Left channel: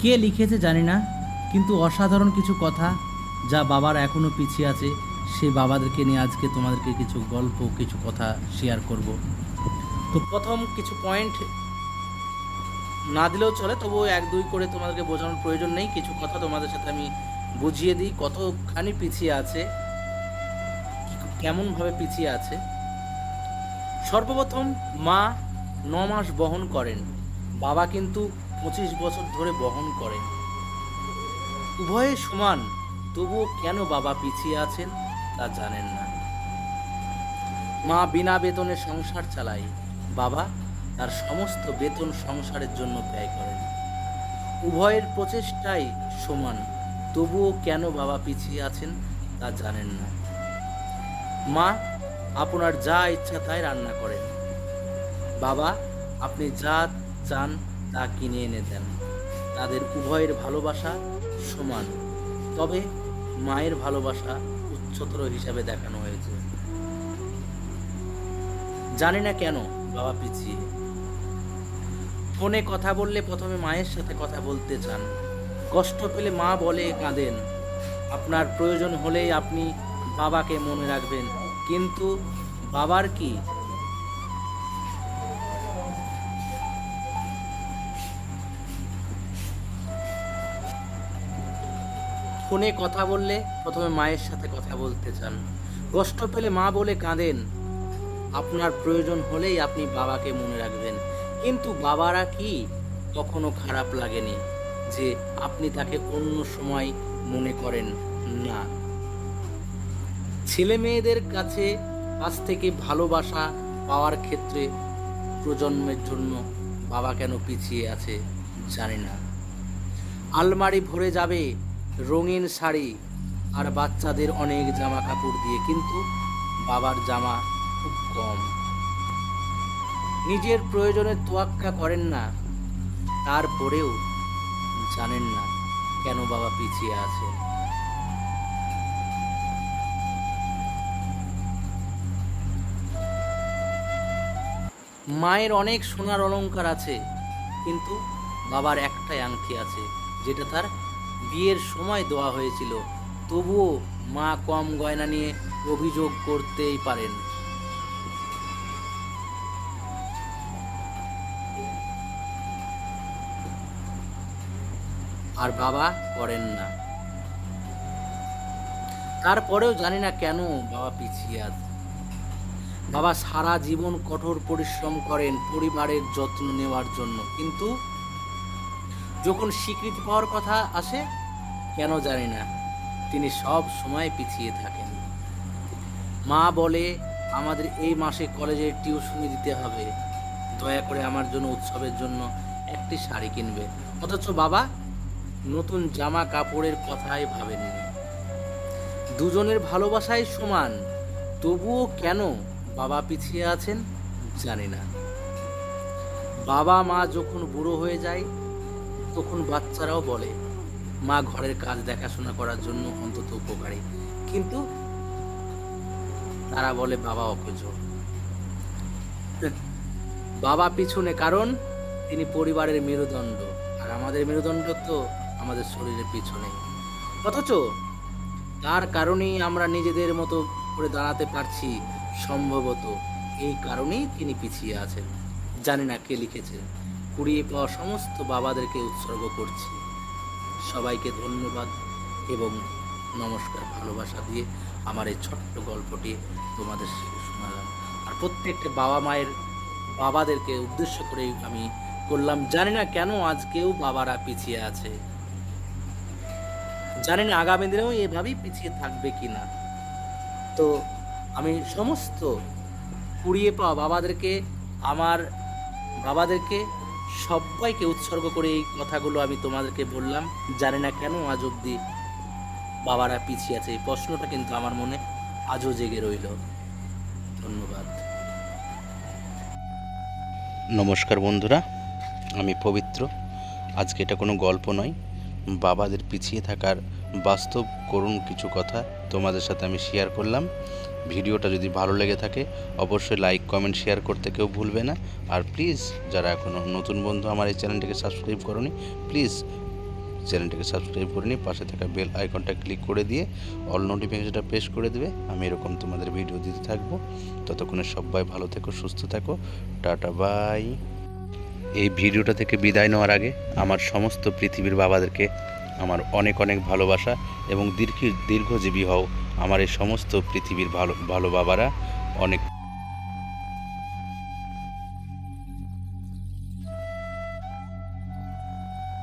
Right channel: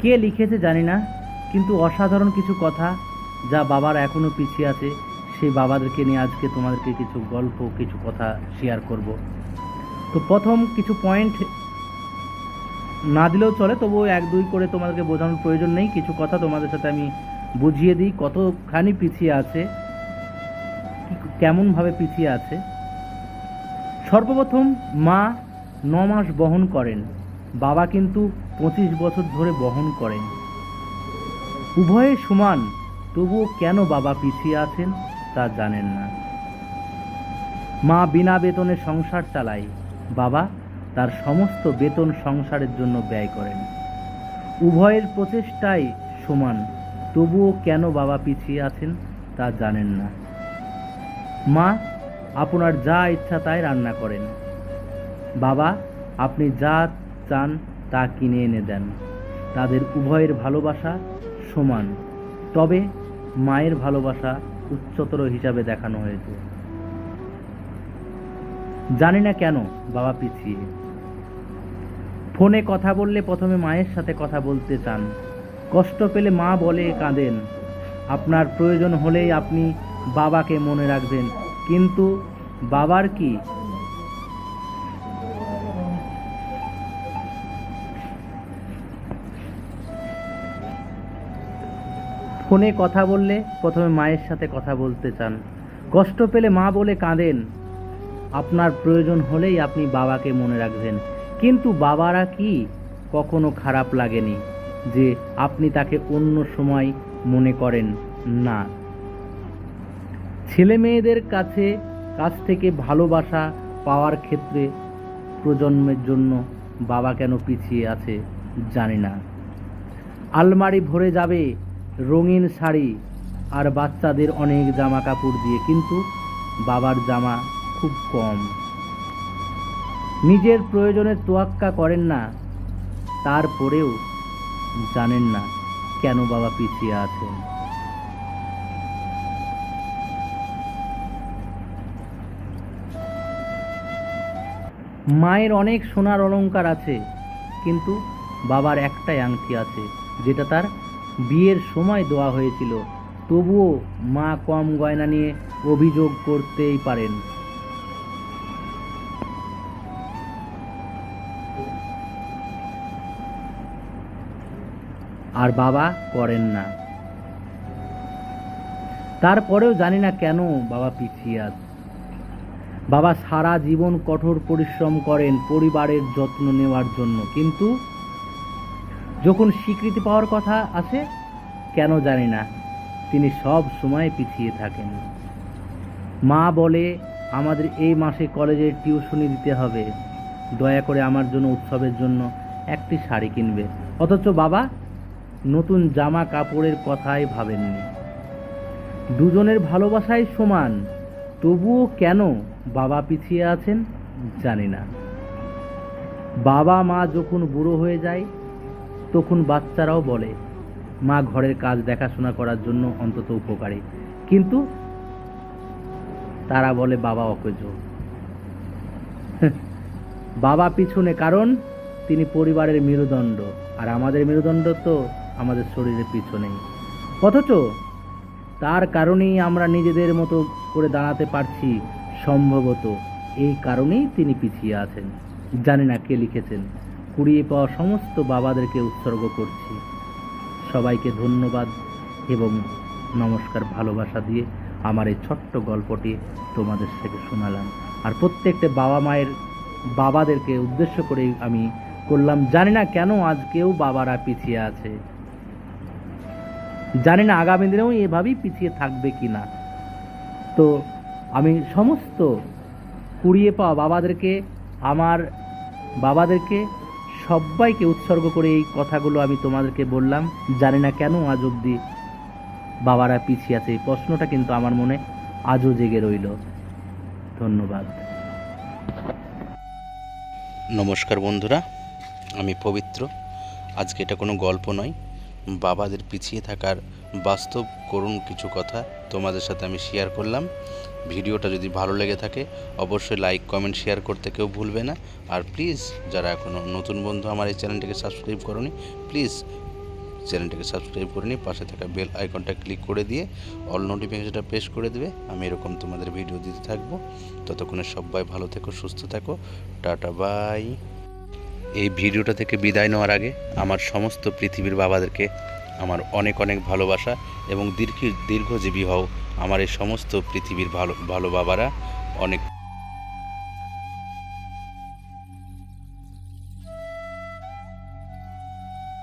কে লিখেছে জানি না, কিন্তু অসাধারণ কিছু কথা যা বাবার এখনও পিছিয়ে আছে, সেই বাবাদেরকে নিয়ে আজকে তোমাদেরকে কিছু গল্প, কিছু কথা শেয়ার করব। তো প্রথম কিছু পয়েন্ট না দিলেও চলে, তবুও এক দুই করে তোমাদেরকে বোঝানোর প্রয়োজন নেই। কিছু কথা তোমাদের সাথে আমি বুঝিয়ে দিই কতখানি পিছিয়ে আছে, কেমনভাবে পিছিয়ে আছে। সর্বপ্রথম মা 9 মাস বহন করেন, বাবা কিন্তু 25 বছর ধরে বহন করেন। উভয়ে সমান, তবুও কেন বাবা পিছিয়ে আছেন তা জানেন না। মা বিনা বেতনে সংসার চালায়, বাবা তার সমস্ত বেতন সংসারের জন্য ব্যয় করেন। উভয়ের প্রচেষ্টাই সমান, তবুও কেন বাবা পিছিয়ে আছেন তা জানেন না। মা আপনার যা ইচ্ছা তাই রান্না করেন, বাবা আপনি যা চান তা কিনে এনে দেন। তাদের উভয়ের ভালোবাসা সমান, তবে মায়ের ভালোবাসা উচ্চতর হিসাবে দেখানো হয়েছে। জানি না কেন বাবা পিছিয়ে। ফোনে কথা বললে প্রথমে মায়ের সাথে কথা বলতে চান, কষ্ট পেলে মা বলে কাঁদেন। আপনার প্রয়োজন হলেই আপনি বাবাকে মনে রাখবেন, কিন্তু বাবার কি? ফোনে কথা বললে প্রথমে মায়ের সাথে কথা বলতে চান, কষ্ট পেলে মা বলে কাঁদেন। আপনার প্রয়োজন হলেই আপনি বাবাকে মনে রাখবেন, কিন্তু বাবারা কি কখনো খারাপ লাগেনি যে আপনি তাকে অন্য সময় মনে করেন না? ছেলে মেয়েদের কাছ থেকে ভালোবাসা পাওয়ার ক্ষেত্রে প্রজন্মের জন্য বাবা কেন পিছিয়ে আছে জানি না। আলমারি ভরে যাবে রঙিন শাড়ি আর বাচ্চাদের অনেক জামা কাপড় দিয়ে, কিন্তু বাবার জামা খুব কম। নিজের প্রয়োজনের তোয়াক্কা করেন না, তারপরেও জানেন না কেন বাবা পিছিয়ে আছেন। মায়ের অনেক সোনার অলংকার আছে, কিন্তু বাবার একটাই আংটি আছে, যেটা তার বিয়ের সময় দেওয়া হয়েছিল। তবুও মা কম গয়না নিয়ে অভিযোগ করতেই পারেন। আর বাবা করেন না। তারপরেও জানি না কেন বাবা পিছিয়ে আছে। বাবা সারা জীবন কঠোর পরিশ্রম করেন পরিবারের যত্ন নেওয়ার জন্য, কিন্তু যখন স্বীকৃতি পাওয়ার কথা আসে, কেন জানি না তিনি সব সময় পিছিয়ে থাকেন। মা বলে আমাদের এই মাসে কলেজের টিউশনি দিতে হবে, দয়া করে আমার জন্য উৎসবের জন্য একটি শাড়ি কিনবে, অথচ বাবা নতুন জামা কাপড়ের কথাই ভাবেননি। দুজনের ভালোবাসাই সমান, তবুও কেন বাবা পিছিয়ে আছেন জানি না। বাবা মা যখন বুড়ো হয়ে যায়, তখন বাচ্চারাও বলে মা ঘরের কাজ দেখাশোনা করার জন্য অন্তত উপকারী, কিন্তু তারা বলে বাবা অকেজো। বাবা পিছনে, কারণ তিনি পরিবারের মেরুদণ্ড, আর আমাদের মেরুদণ্ড তো আমাদের শরীরের পিছনে। অথচ তার কারণেই আমরা নিজেদের মতো করে দাঁড়াতে পারছি, সম্ভবত এই কারণেই তিনি পিছিয়ে আছেন। জানি না কে লিখেছেন। কুড়িয়ে পাওয়া সমস্ত বাবাদেরকে উৎসর্গ করছি। সবাইকে ধন্যবাদ এবং নমস্কার, ভালোবাসা দিয়ে আমার এই ছোট্ট গল্পটি তোমাদের সাথে শোনালাম। আর প্রত্যেকটা বাবা মায়ের বাবাদেরকে উদ্দেশ্য করেই আমি করলাম। জানি না কেন আজকেও বাবারা পিছিয়ে আছে, জানি না আগামী দিনেও এভাবেই পিছিয়ে থাকবে কি না। তো আমি সমস্ত কুড়িয়ে পাওয়া বাবাদেরকে, আমার বাবাদেরকে সবাইকে উৎসর্গ করে এই কথাগুলো আমি তোমাদেরকে বললাম। জানি না কেন আজ অবধি বাবারা পিছিয়ে আছে, এই প্রশ্নটা কিন্তু আমার মনে আজও জেগে রইল। ধন্যবাদ। নমস্কার বন্ধুরা, আমি পবিত্র। আজকে এটা কোনো গল্প নয়, বাবাদের পিছিয়ে থাকার বাস্তব করুণ কিছু কথা তোমাদের সাথে আমি শেয়ার করলাম। ভিডিওটা যদি ভালো লেগে থাকে অবশ্যই লাইক কমেন্ট শেয়ার করতে কেউ ভুলবে না। আর প্লিজ যারা এখনও নতুন বন্ধু আমার এই চ্যানেলটিকে সাবস্ক্রাইব করোনি, প্লিজ চ্যানেলটাকে সাবস্ক্রাইব করে নিয়ে পাশে থাকা বেল আইকনটা ক্লিক করে দিয়ে অল নোটিফিকেশনটা প্রেস করে দেবে। আমি এরকম তোমাদের ভিডিও দিতে থাকবো। ততক্ষণে সবাই ভালো থেকো, সুস্থ থাকো, টাটা বাই। এই ভিডিওটা থেকে বিদায় নেওয়ার আগে আমার সমস্ত পৃথিবীর বাবাদেরকে আমার অনেক অনেক ভালোবাসা এবং দীর্ঘজীবী হও আমার এই সমস্ত পৃথিবীর ভালো ভালো বাবারা। অনেক